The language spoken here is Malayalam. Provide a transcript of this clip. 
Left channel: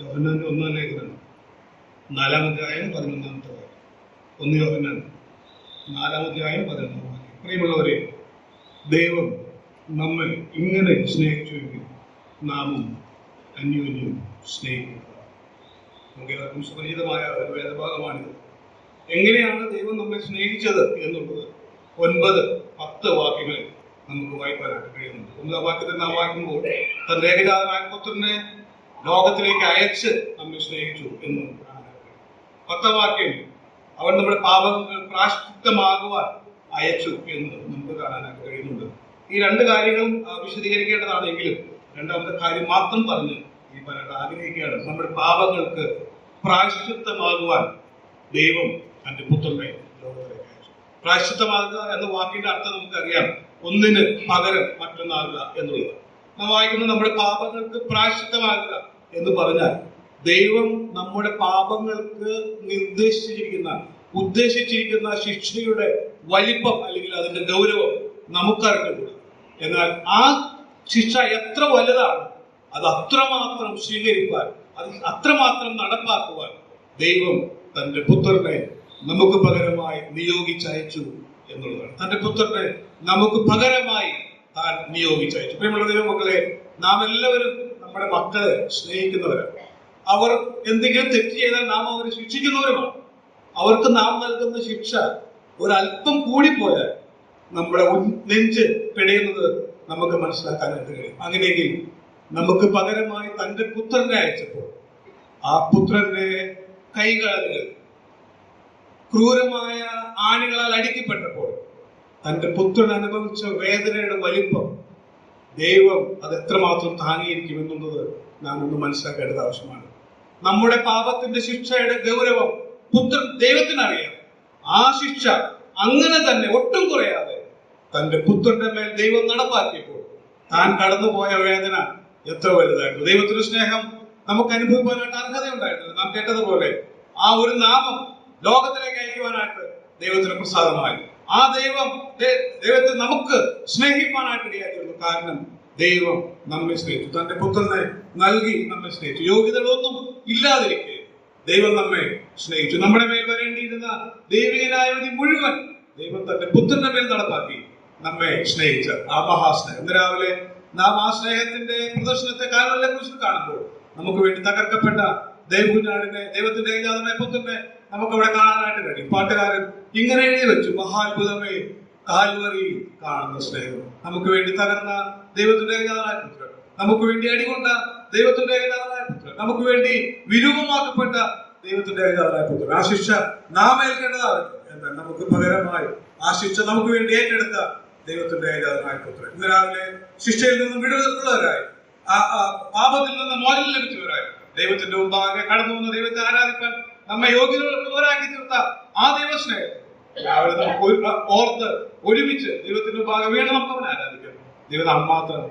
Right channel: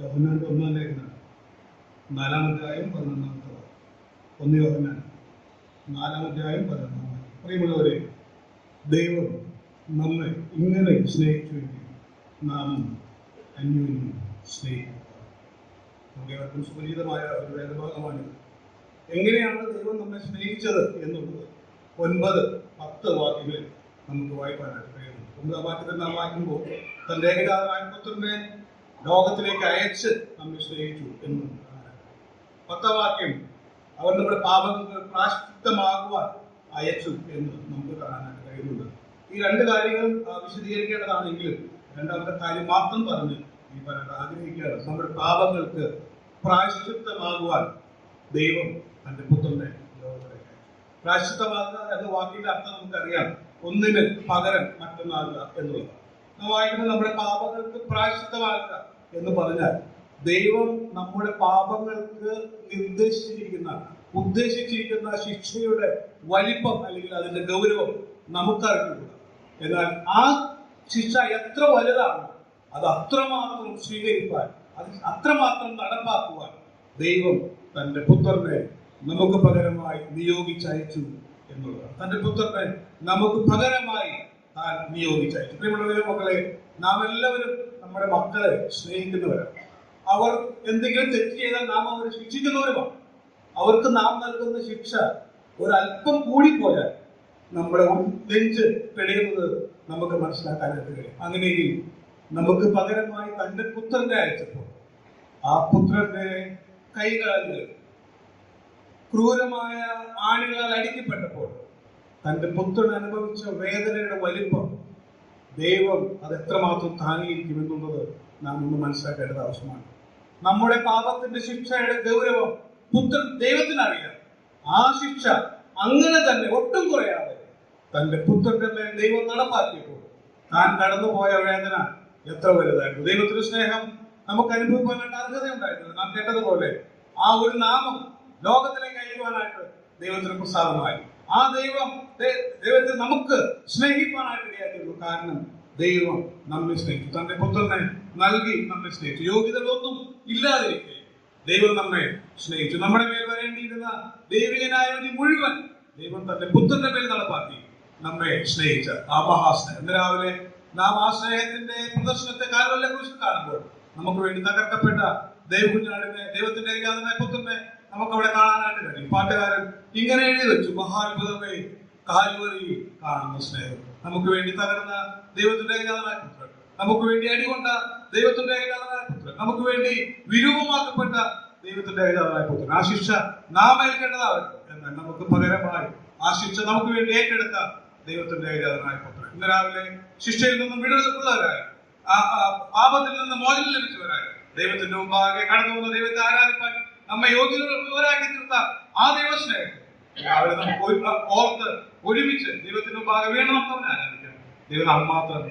യോഹന്നാന്റെ 1-ാം ലേഖനം 4-ാം അധ്യായം 11-ാമത്തെ വാക്യം. 1 യോഹന്നാൻ 4-ാം അധ്യായം 11-ാം വാക്യം. പ്രിയമുള്ളവരെ, ദൈവം നമ്മെ ഇങ്ങനെ സ്നേഹിച്ചുവെങ്കിൽ നാമും അന്യോന്യം സ്നേഹിക്കുക. നമുക്ക് എല്ലാവർക്കും സുപരിചിതമായ ഒരു വേദഭാഗമാണിത്. എങ്ങനെയാണ് ദൈവം നമ്മെ സ്നേഹിച്ചത് എന്നുള്ളത് 9-10 വാക്യങ്ങളിൽ നമുക്ക് വായിക്കാനായിട്ട് കഴിയുന്നുണ്ട്. 1-ാം വാക്യത്തിൽ നാം വായിക്കുമ്പോൾ തന്റെ ഏകജാതനായ പുത്രനെ ലോകത്തിലേക്ക് അയച്ച് നമ്മെ സ്നേഹിച്ചു എന്ന് കാണാനായിട്ട് കഴിയും. 10-ാം വാക്യം അവൻ നമ്മുടെ പാപങ്ങൾ പ്രായശ്ചിത്തമാകുവാൻ അയച്ചു എന്ന് നമുക്ക് കാണാനായിട്ട് കഴിയുന്നുണ്ട്. ഈ രണ്ട് കാര്യങ്ങളും വിശദീകരിക്കേണ്ടതാണെങ്കിലും രണ്ടാമത്തെ കാര്യം മാത്രം പറഞ്ഞ് ഈ പറയാൻ ആഗ്രഹിക്കുകയാണ്. നമ്മുടെ പാപങ്ങൾക്ക് പ്രായശ്ചിത്തമാകുവാൻ ദൈവം തന്റെ പുത്രനെ ലോകത്തിലേക്ക് അയച്ചു. പ്രായശ്ചിത്തമാകുക എന്ന വാക്കിന്റെ അർത്ഥം നമുക്കറിയാം, ഒന്നിന് പകരം മറ്റൊന്നാകുക എന്നുള്ളത്. നാം വായിക്കുമ്പോൾ നമ്മുടെ പാപങ്ങൾക്ക് പ്രായശ്ചിത്തമാകുക എന്ന് പറഞ്ഞാൽ ദൈവം നമ്മുടെ പാപങ്ങൾക്ക് ഉദ്ദേശിച്ചിരിക്കുന്ന ശിക്ഷയുടെ വലിപ്പം അല്ലെങ്കിൽ അതിന്റെ ഗൗരവം നമുക്കറിഞ്ഞുകൂടാ. എന്നാൽ ആ ശിക്ഷ എത്ര വലുതാണ്, അത് അത്രമാത്രം സ്വീകരിക്കാൻ, അത് അത്രമാത്രം നടപ്പാക്കുവാൻ ദൈവം തന്റെ പുത്രനെ നമുക്ക് പകരമായി നിയോഗിച്ചയച്ചു എന്നുള്ളതാണ്. തന്റെ പുത്രനെ നമുക്ക് പകരമായി താൻ നിയോഗിച്ചയച്ചു. പ്രിയമുള്ള ദൈവമക്കളെ, നാം എല്ലാവരും നമ്മുടെ മക്കളെ സ്നേഹിക്കുന്നവരാണ്. അവർ എന്തെങ്കിലും തെറ്റ് ചെയ്താൽ നാം അവരെ ശിക്ഷിക്കുന്നവരുമാണ്. അവർക്ക് നാം നൽകുന്ന ശിക്ഷ ഒരല്പം കൂടിപ്പോയാൽ നമ്മുടെ നെഞ്ച് പിടയുന്നത് നമുക്ക് മനസ്സിലാക്കാനായിട്ട് കഴിയും. അങ്ങനെയെങ്കിൽ നമുക്ക് പകരമായി തന്റെ പുത്രനെ അയച്ചപ്പോൾ ആ പുത്രന്റെ കൈകാലുകൾ ക്രൂരമായ ആണികളാൽ അടിക്കപ്പെട്ടപ്പോൾ തന്റെ പുത്രൻ അനുഭവിച്ച വേദനയുടെ വലിപ്പം ദൈവം അത് എത്രമാത്രം താങ്ങിയിരിക്കും എന്നുള്ളത് നാം ഒന്ന് മനസ്സിലാക്കേണ്ടത് ആവശ്യമാണ്. നമ്മുടെ പാപത്തിന്റെ ശിക്ഷയുടെ ഗൗരവം ദൈവത്തിനറിയാം. ആ ശിക്ഷ അങ്ങനെ തന്നെ ഒട്ടും കുറയാതെ തന്റെ പുത്രന്റെ മേൽ ദൈവം നടപ്പാക്കിയപ്പോൾ താൻ കടന്നുപോയ വേദന എത്ര വലുതായിരുന്നു. ദൈവത്തിന്റെ സ്നേഹം നമുക്ക് അനുഭവിക്കാനായിട്ട് അർഹതയുണ്ടായിരുന്നു. നാം കേട്ടതുപോലെ ആ ഒരു നാമം ലോകത്തിലേക്ക് അയക്കുവാനായിട്ട് ദൈവത്തിന് പ്രസാദമായി. ആ ദൈവത്തെ നമുക്ക് സ്നേഹിക്കാനായിട്ട് ഇടയായിരുന്നു. കാരണം ദൈവം നമ്മെ സ്നേഹിച്ചു, തന്റെ പുത്രനെ നൽകി നമ്മെ സ്നേഹിച്ചു. യോഗ്യതകളൊന്നും ഇല്ലാതിരിക്കെ ദൈവം നമ്മെ സ്നേഹിച്ചു. നമ്മുടെ മേൽ വരേണ്ടിയിരുന്ന ദൈവികനായ വിധി മുഴുവൻ ദൈവം തന്റെ പുത്രന്റെ മേൽ നടപ്പാക്കി നമ്മെ സ്നേഹിച്ച ആ മഹാസ്നേഹം. ഇന്ന് രാവിലെ നാം ആ സ്നേഹത്തിന്റെ പ്രദർശനത്തെ കാൽവരിയിലെ കുറിച്ച് കാണുമ്പോൾ നമുക്ക് വേണ്ടി തകർക്കപ്പെട്ട ദൈവകുഞ്ഞാടിനെ, ദൈവത്തിന്റെ ഏകജാതനായ പുത്രനെ നമുക്ക് അവിടെ കാണാനായിട്ട് കഴിയും. പാട്ടുകാരൻ ഇങ്ങനെ എഴുതി വെച്ചു, മഹാത്ഭുതമേ കാൽവരിയിൽ കാണുന്ന സ്നേഹം. നമുക്ക് വേണ്ടി തകർന്ന ദൈവത്തിന്റെ ഏകജാതനായ പുത്രൻ, നമുക്ക് വേണ്ടി അടികൊണ്ട ദൈവത്തിന്റെ ഏകജാതനായ പുത്രൻ, നമുക്ക് വേണ്ടി വിരൂപമാക്കപ്പെട്ട ദൈവത്തിന്റെ ഏകജാതനായ പുത്രൻ. ആ ശിക്ഷ നാം ഏൽക്കേണ്ടതാണ്. എന്നാൽ നമുക്ക് പകരമായി ആ ശിക്ഷ നമുക്ക് വേണ്ടി ഏറ്റെടുത്ത ദൈവത്തിന്റെ ഏകജാതനായ പുത്രൻ. ഇന്ന് രാവിലെ ശിക്ഷയിൽ നിന്നും വിടുതലുള്ളവരായി, പാപത്തിൽ നിന്ന് മോചനം ലഭിച്ചവരായി ദൈവത്തിന്റെ മുമ്പാകെ കടന്നു വന്ന ദൈവത്തെ ആരാധിക്കാൻ നമ്മെ യോഗ്യരാക്കി തീർത്ത ആ ദൈവസ്നേഹം രാവിലെ നമുക്ക് ഓർത്ത് ഒരുമിച്ച് ദൈവത്തിന്റെ മുമ്പാകെ വീണ്ടും നമുക്ക് ആരാധിക്കാം. ദൈവം നാം മാത്രം